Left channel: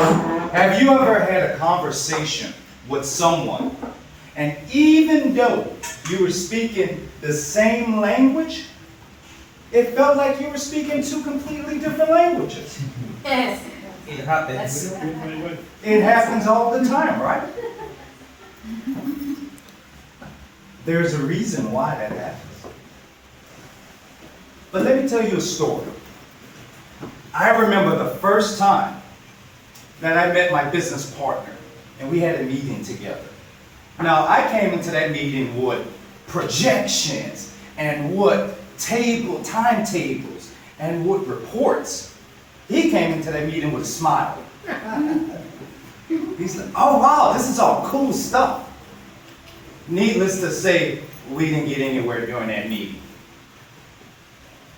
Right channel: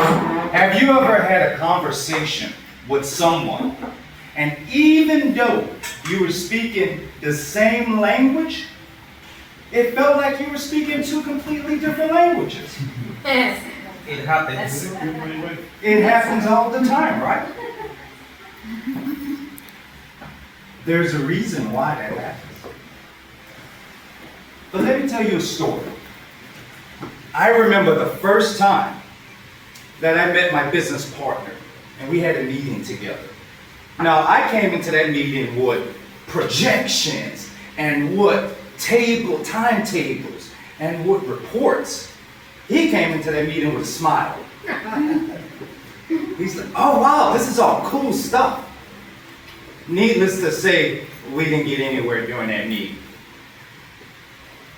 Have you ever had a conversation with someone, and even though you were speaking the same language, it felt like you were speaking two completely different languages? It happens. It happens all the time, right? There's a reason why that happens. But let me tell you a story. I remember the first time that I met my business partner, and we had a meeting together. Now, I came into that meeting with projections and with timetables and with reports. He came into that meeting with a smile. He's like, oh wow, this is all cool stuff. Needless to say, we didn't get anywhere during that meeting.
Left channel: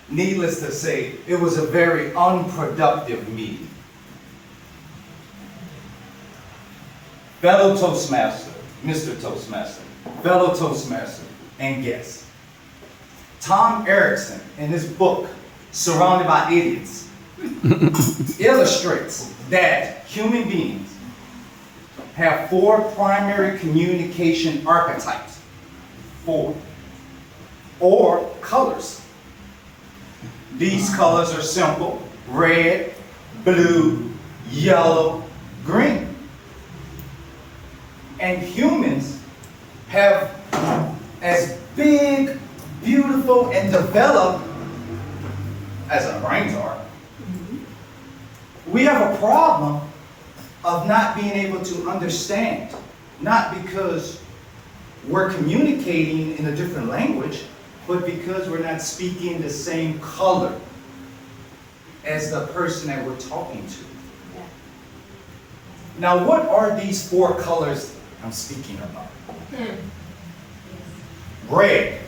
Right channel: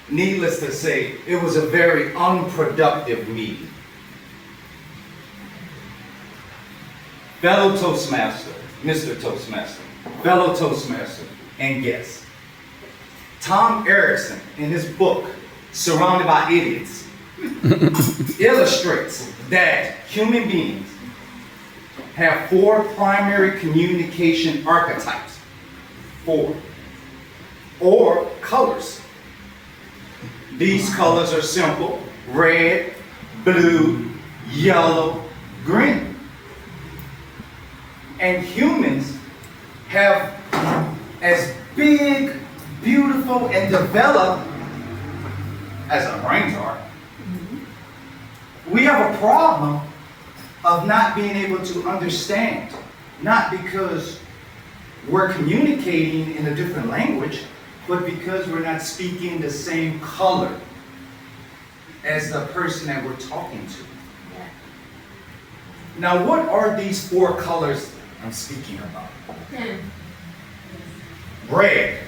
Needless to say, it was a very unproductive meeting. Fellow Toastmaster, Mr. Toastmaster, fellow Toastmaster, and guest. Tom Erickson, in his book, Surrounded by Idiots, illustrates that human beings have 4 primary communication archetypes. 4. Or colors. These colors are simple: red, blue, yellow, green. And humans have as big, beautiful, and developed as our brains are. We have a problem of not being able to understand, not because we're communicating in a different language, but because we're not speaking the same color as the person that we're talking to. Now, what are these 4 colors I'm speaking about? Red.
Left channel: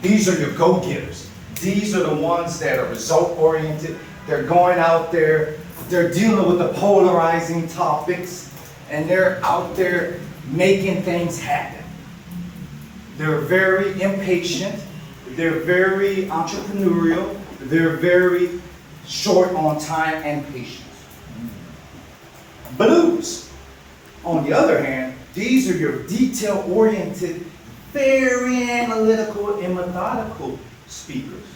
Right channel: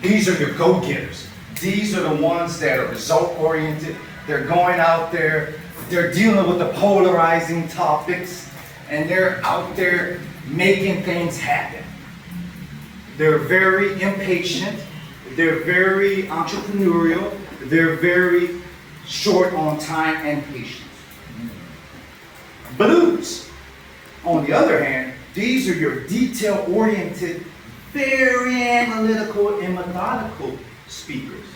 These are your go-getters. These are the ones that are result-oriented. They're going out there, they're dealing with the polarizing topics, and they're out there making things happen. They're very impatient, they're very entrepreneurial, they're very short on time and patience. Blues, on the other hand, these are your detail-oriented, very analytical and methodical speakers.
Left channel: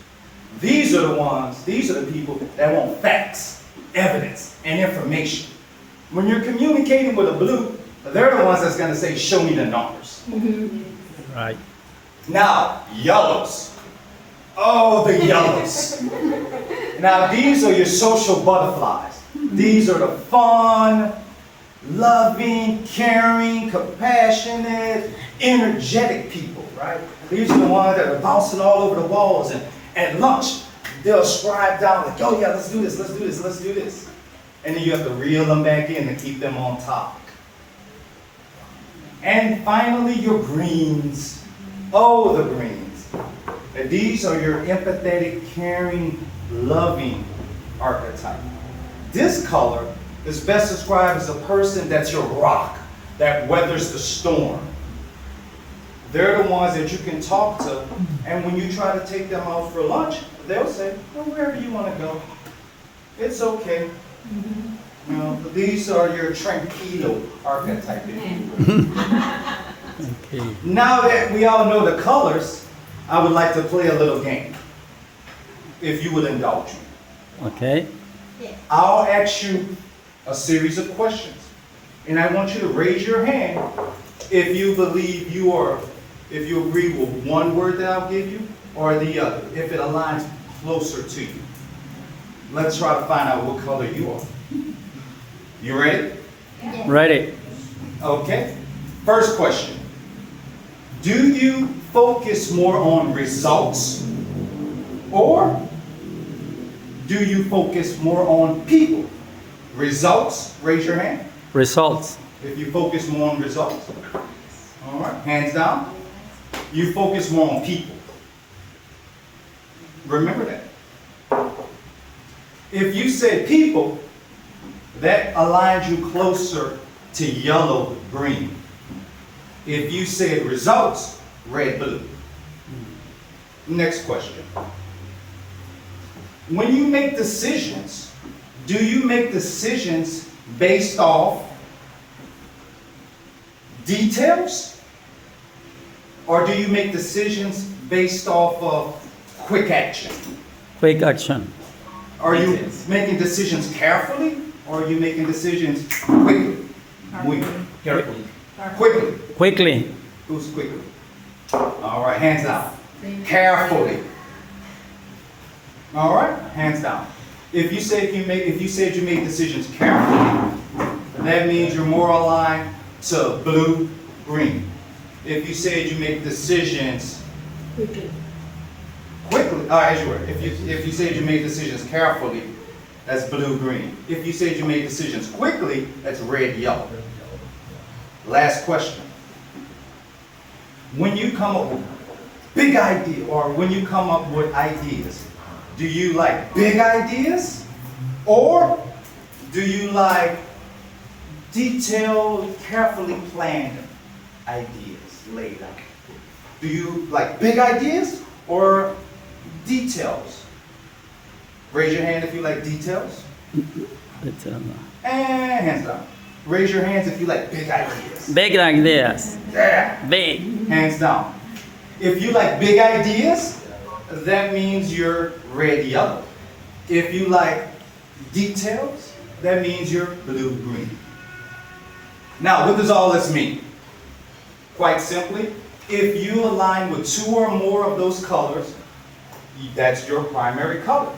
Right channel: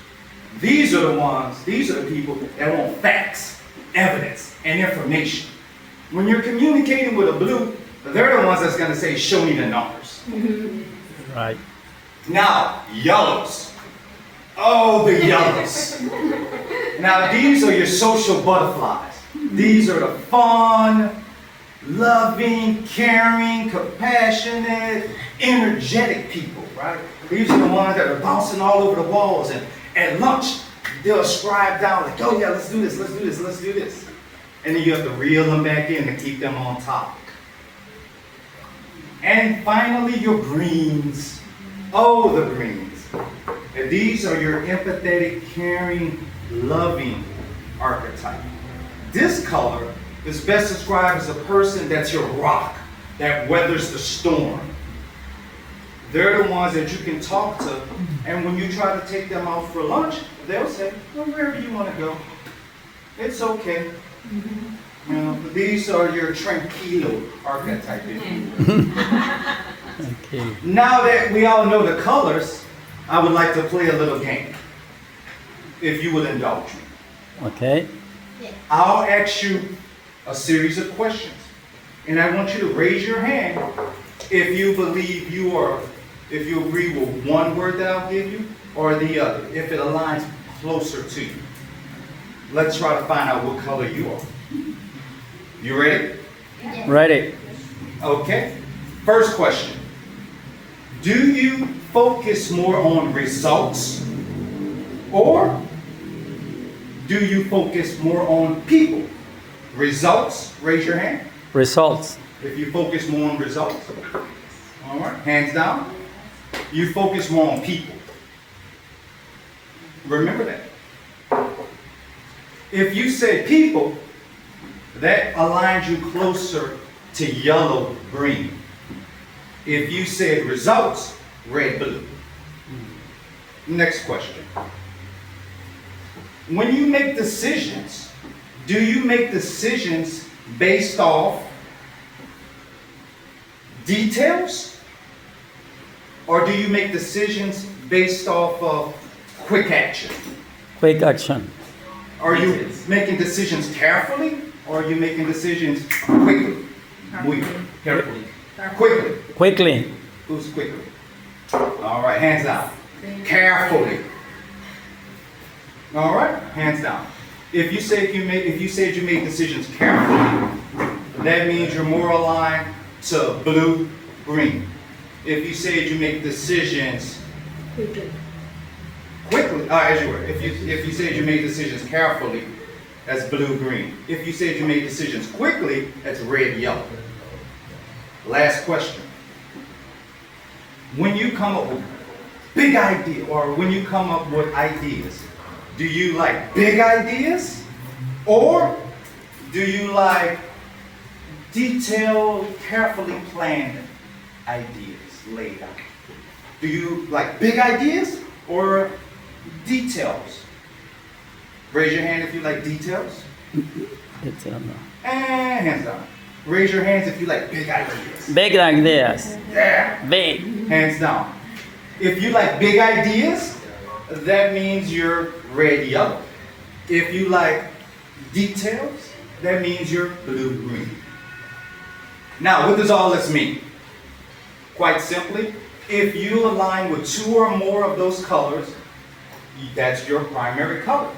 These are the people that want facts, evidence, and information. When you're communicating with a blue, they're the ones that's going to say, show me the numbers. Right. Now, yellows. Oh, the yellows. Now, these are your social butterflies. These are the fun, loving, caring, compassionate, energetic people, right? These are the ones that are bouncing all over the walls, and at lunch, they'll scribe down like, oh yeah, let's do this, let's do this, let's do this. And then you have to reel them back in to keep them on topic. And finally, your greens. Oh, the greens. And these are your empathetic, caring, loving archetype. This color is best described as a person that's your rock, that weathers the storm. They're the ones that you can talk to, and when you try to take them out for lunch, they'll say, well, wherever you want to go, it's okay. You know, these are your tranquilo archetype. Okay. Now that we all know the colors, I would like to play a little game, if you would indulge me. Okay. I'll ask you a series of questions, and I want you to raise your hand if you believe if you agree with one word that I'll give you or the other, if it aligns closer to you. Let's try to find out what color you are. You ready? Ready. Okay. First question. Do you focus more on results, or do you focus more on people? Results, raise your hand. Results. If you focus more on results. All right, hands down. You focus more on people. Remember that. If you say people, that aligns you closer to yellow, green. If you say results, red, blue. Next question. When you make decisions, do you make decisions based off details? Or do you make decisions based off of quick action? Quick action. Are you making decisions carefully, or are you making decisions quickly? Muy Carefully. quickly. Quickly. Who's quickly? All right, hands down. Carefully. All right, hands down. If you said you made decisions carefully, that means you're more aligned to blue, green. If you said you make decisions quickly, as you were. If you said you made decisions carefully, that's blue, green. If you said you made decisions quickly, that's red, yellow. Last question. When you come up with big idea, or when you come up with ideas, do you like big ideas, or do you like detailed, carefully planned ideas laid out? Do you like big ideas or details? Raise your hand if you like details. It's, And hands down. Raise your hands if you like big ideas. big like this. Yeah. Big. Hands down. If you like big ideas, that means you're red, yellow. If you like details, that means you're blue, green. Now, what does all this mean? Quite simply, if you align with 2 or more of those colors, that's your primary color.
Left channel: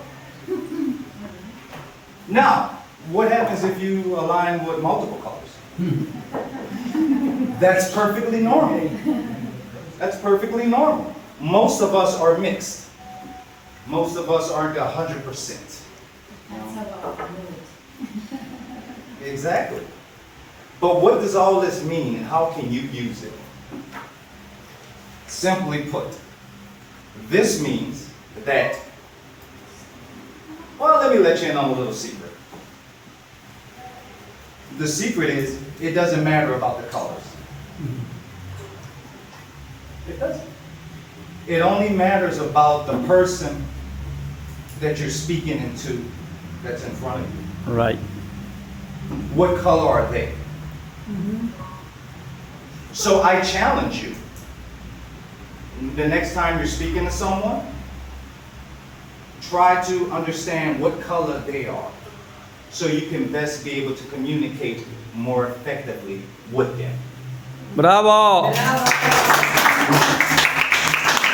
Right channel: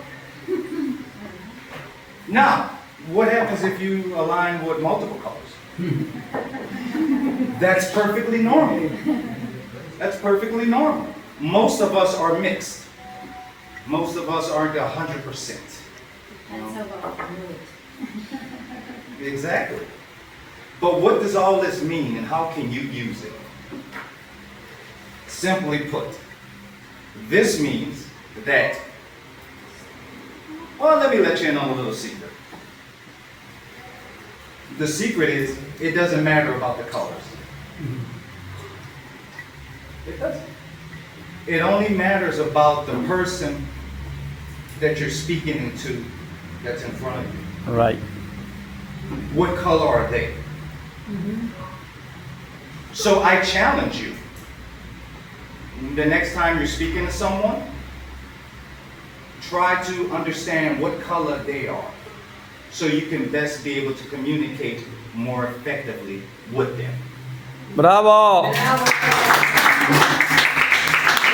Now, what happens if you align with multiple colors? That's perfectly normal. That's perfectly normal. Most of us are mixed. Most of us aren't 100%. That's how I moved. Exactly. But what does all this mean, and how can you use it? Simply put, this means that, well, let me let you in on a little secret. The secret is, it doesn't matter about the colors. It doesn't. It only matters about the person that you're speaking into, that's in front of you. Right. What color are they? So I challenge you. The next time you're speaking to someone, try to understand what color they are, so you can best be able to communicate more effectively with them. Bravo. Bravo.